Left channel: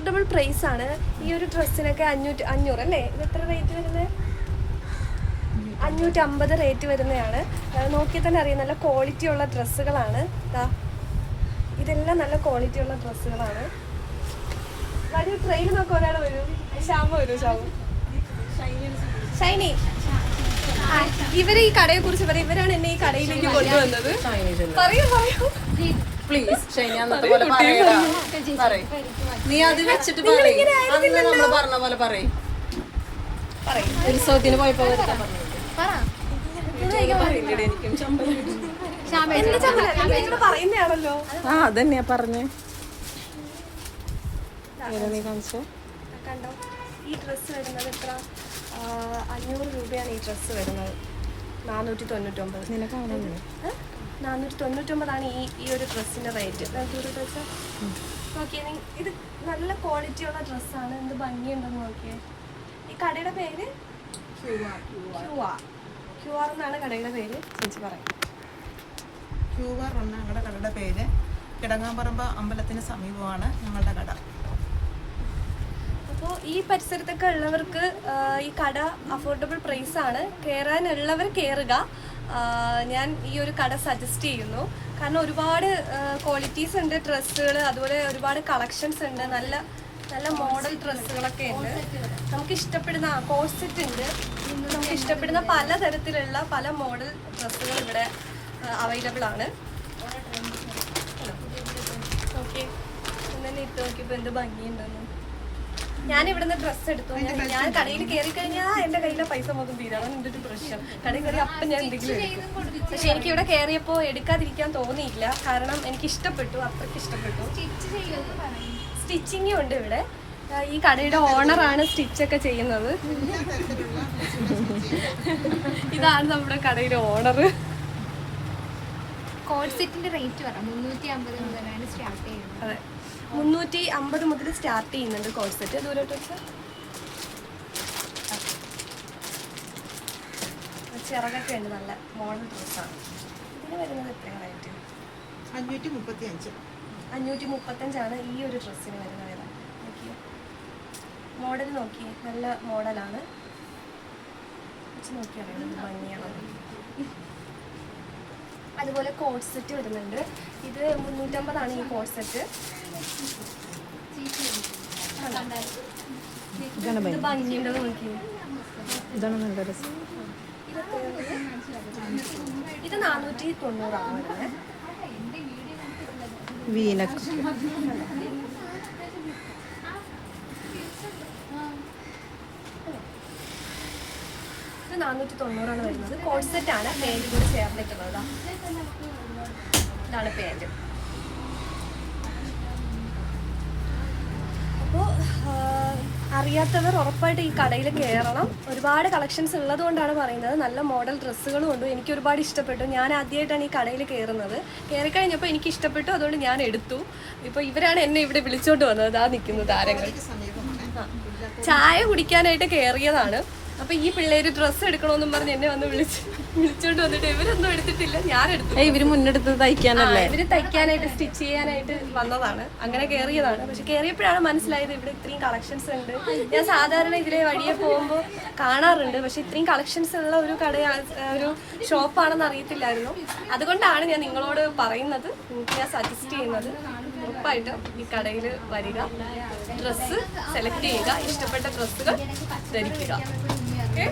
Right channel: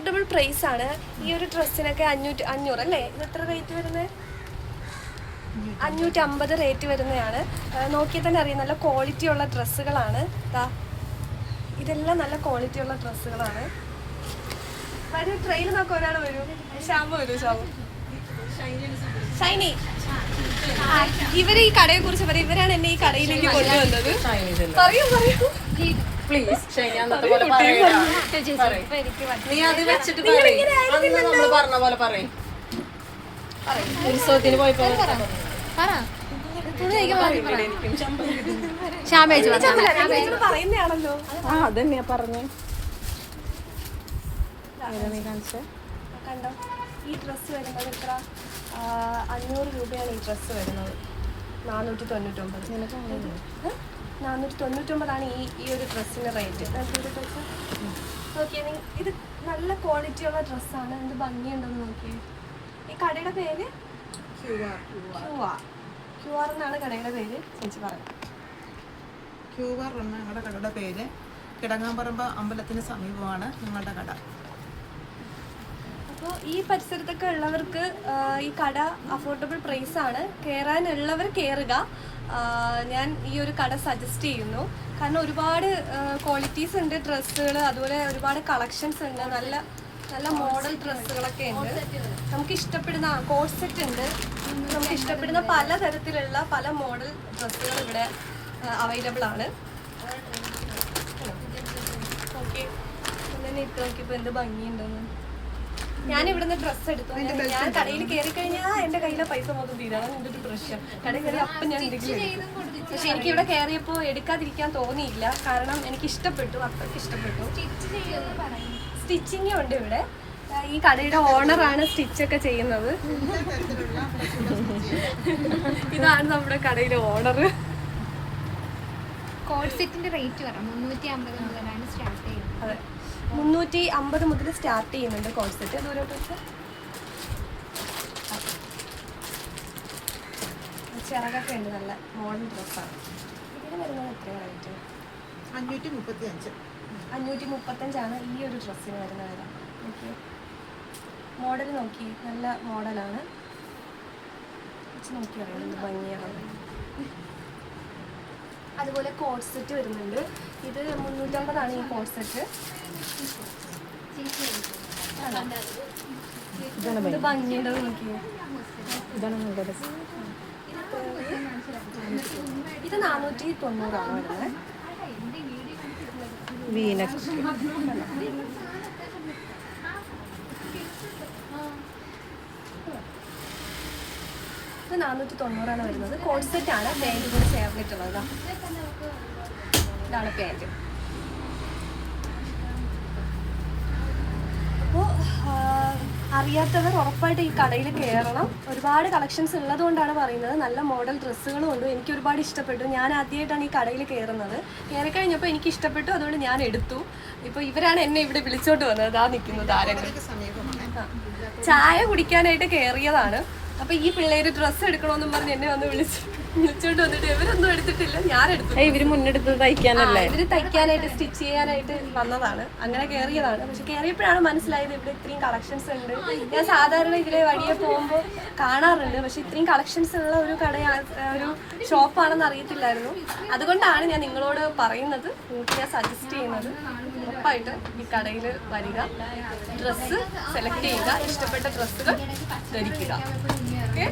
Affordable price ആണ്. ഈ ഒരു ഡ്രസ്സിനൊക്കെ 500 അല്ലേ? ഇത് എത്ര റേറ്റ് വരുന്നത്? 550 റേറ്റ് വരുന്നതാണ്. നോക്കിയാൽ തന്നെ അറിയാം, നല്ല ക്വാളിറ്റി ഉള്ള ഡ്രസ്സുകളാണ്. ഇതെല്ലാം നല്ല ക്വാളിറ്റി ഉള്ള ഡ്രസ്സുകളാണ്. വരൂ, ട്രെയിൽ നോക്കാം. ഒരാൾ വരൂ. ശ്യാമ വരൂ. ഷൈനി, ഇവര് ഈ കടയെ കുറിച്ച് പറയും. ഇവരാണ് എന്നെ ഈ കടയിലേക്ക് കൊണ്ടുവന്നത്. പറയൂ പ്ലീസ്. നീ അത് വെച്ചിട്ട് നമ്മള് പറഞ്ഞ പോലെ പറയും. ഉത്സവത്തിന് പോയപ്പോ പറയുന്നതാണല്ലോ. അതന്നെയാ പറഞ്ഞേ. കണ്ടോ, ഈ ഡ്രസ്സ് വരുന്നത് എത്ര? 500 രൂപയാണ് ഈ ഡ്രസ്സ് വരുന്നത്. 499. 499 ഈ ഒരു ഡ്രസ്സിന്റെ റേറ്റ്. നോക്കിയേ, ഇത് നല്ല ക്വാളിറ്റി ഉള്ള ഡ്രസ്സാണ്. എന്ത് ഭംഗിയുണ്ടെന്ന് നോക്കിയേ. ഈ കടയുടെ പേര് QR എന്നാണ് കടയുടെ പേര്. ചേച്ചി പറയും. QR എന്ന ഞങ്ങളുടെ കടയുടെ പേര്. കിടങ്ങാമ്പറമ്പ് അമ്പലത്തിന് സമീപമാണ് ഞങ്ങളുടെ കട. അപ്പോൾ ഈ പരിസരത്തൊക്കെ ഉള്ളവർക്ക് ഈ കട അഫോർഡബിൾ പ്രൈസ് ആണ്. കയറാനുള്ളവർ കയറുക. ഞാൻ ഈ ഒരു കട സജസ്റ്റ് ചെയ്യുന്നു. കാരണം ഒരുപാട് ക്വാളിറ്റീസ് ഉണ്ട് ഡ്രസ്സുകൾ, അതുപോലെ ഒരുപാട് കളക്ഷൻസ് ഉണ്ട്. നല്ല നല്ല മോഡൽ ഡ്രസ്സുകളൊക്കെ ഉണ്ട്. നമുക്ക് ഇഷ്ടപ്പെടുന്ന കോട്ട് സെറ്റ് ഉണ്ട്. നമുക്ക് ഇഷ്ടപ്പെടുന്ന പലതരത്തിലുള്ള പല മോഡൽ ഡ്രസ്സുകൾ ഇവിടെ അവൈലബിൾ ആണ്. ഓക്കെ, തന്നെ ഇട്ട് നോക്കിയപ്പോൾ എന്ത് ഭംഗിയുണ്ടെന്ന്. ഞാൻ ഇവിടുന്ന് ഡ്രസ്സ് എടുത്തു. ഞാൻ കടയിൽ കയറി കഴിഞ്ഞാൽ എൻ്റെ കയ്യിലെ പൈസ മൊത്തം തീരാതാണ് എൻ്റെ ഒരു പ്രശ്നം. കടയിൽ കയറി അപ്പം ഞാൻ എന്തെങ്കിലും. പക്ഷെ എനിക്ക് ഇവിടെ കയറിയപ്പോൾ എടുക്കാതിരിക്കാൻ തോന്നിയില്ല. കാരണം എനിക്ക് ഇഷ്ടപ്പെട്ടു, അത്രയ്ക്ക് ഇഷ്ടപ്പെട്ടു. സ്റ്റിച്ചിങ്ങും ഉണ്ട് ഇവിടെ. ഈ കടയുടെ ഓണറാണ് സ്റ്റിച്ചൊക്കെ ചെയ്യുന്നത്. ഇതാണ് നമ്മുടെ കടയിലെ ഓണർ. കോഡ് സെറ്റിന്റെ റേറ്റ് പറയാം. 350 മുതലാണ് സ്റ്റാർട്ട് ചെയ്യുന്നത്. അതെ, 350 മുതൽ സ്റ്റാർട്ട് ചെയ്യുന്നുണ്ട് കോഡ് സെറ്റ്. ദൂരോട്ട് വെച്ചാൽ ചിറകൊക്കെ ഉണ്ട്. നല്ല മോഡൽ ഡ്രസ്സാണ്. ഇതിന് വരുന്നത് എത്രയാണ് റേറ്റ്? 535. 535 ഈ ഒരു ഡ്രസ്സിന് വരുന്ന വില. നോക്കിയേ, മോഡൽ നോക്കിയേ, നല്ല മോഡലാണ്. വെച്ച് നോക്കിയറിയാം എന്ത് ഭംഗിയാണത്. അതുപോലെ കോട്ട് സെറ്റ് വരുന്നുണ്ട്. ഇത് 350 ഈ കോട്ട് സെറ്റ്. ഭംഗിയുണ്ടെന്ന് നോക്കിയേ. ഇത് 490 വരുന്നത്. ഇത് 490 വരുന്നത്. കോട്ട് സെറ്റ് ആണ്. പാൻറ് കൂടി ചേർന്നിട്ടുള്ളത്. ഇതാണ് പാൻറ്. അപ്പോൾ അറിയാത്തവർ ഉറപ്പായിട്ട് ഈ കടയിൽ കയറണം. ഒരുപാട് കളക്ഷൻസ് ഉള്ളത് കൊണ്ടാണ് പറയുന്നത്. നല്ല മോഡൽ ഡ്രസ്സുകളും ഉണ്ട്. എനിക്ക് ഒരുപാട് ഇഷ്ടപ്പെട്ടു. ഞാൻ ആദ്യമായിട്ടാണ് ഈ കടയിൽ കയറുന്നത്. കയറിക്കഴിഞ്ഞപ്പോൾ എനിക്ക് ഇഷ്ടപ്പെട്ടു, അതുകൊണ്ട് ഞാൻ എടുത്തു. ഇപ്പോൾ ഇവരാണ് എന്നെ ഇവിടെ വിളിച്ചോണ്ട് വന്നത്. ആ നിൽക്കുന്നു താരങ്ങൾ. ചായ കുടിക്കാനായിട്ട് കയറിയതാണ്. അപ്പോൾ ഈ പിള്ളേര് ഡ്രസ്സ് എടുക്കണമെന്നും പറഞ്ഞ് എന്നെ വന്ന് വിളിച്ചോണ്ട് വന്നിട്ട് ഇവരൊന്നും എടുത്തിട്ടില്ല, ഞാൻ എടുത്തു. ഇവര് മുന്നെടുത്ത് തയ്ക്കാനല്ലേ? ഇവര് തയ്ക്കാനായിട്ട് സ്റ്റിച്ച് ചെയ്യാനായിട്ട് വന്നതാണ്. അങ്ങനെ കയറിയതാണ്. പക്ഷെ കയറിയപ്പോഴാണ് മനസ്സിലായത് ഇവിടെ ഇത്രയും കളക്ഷൻസ് ഉണ്ട്. ഞാൻ സാധാരണ ഇതിലെ വഴിയെ പോകുമ്പോൾ കാണാറുണ്ട്, പക്ഷെ ഇത്രയും കളക്ഷൻസ് ഉള്ള ഒരു ഒരു ഷോപ്പാണെന്ന് അറിയത്തില്ലായിരുന്നു. അതുകൊണ്ടാണ് ഞാൻ നിങ്ങളോട് പറയുന്നത്, നിങ്ങൾക്ക് ഞാൻ സജസ്റ്റ് ചെയ്യുന്നത്. ഉറപ്പായിട്ട് ഈ കടയിൽ വരിക, ഡ്രസ്സ് സെലക്ട് ചെയ്യുക, ഇഷ്ടപ്പെട്ട ഡ്രസ്സുകൾ ധരിക്കുക. ഓക്കെ.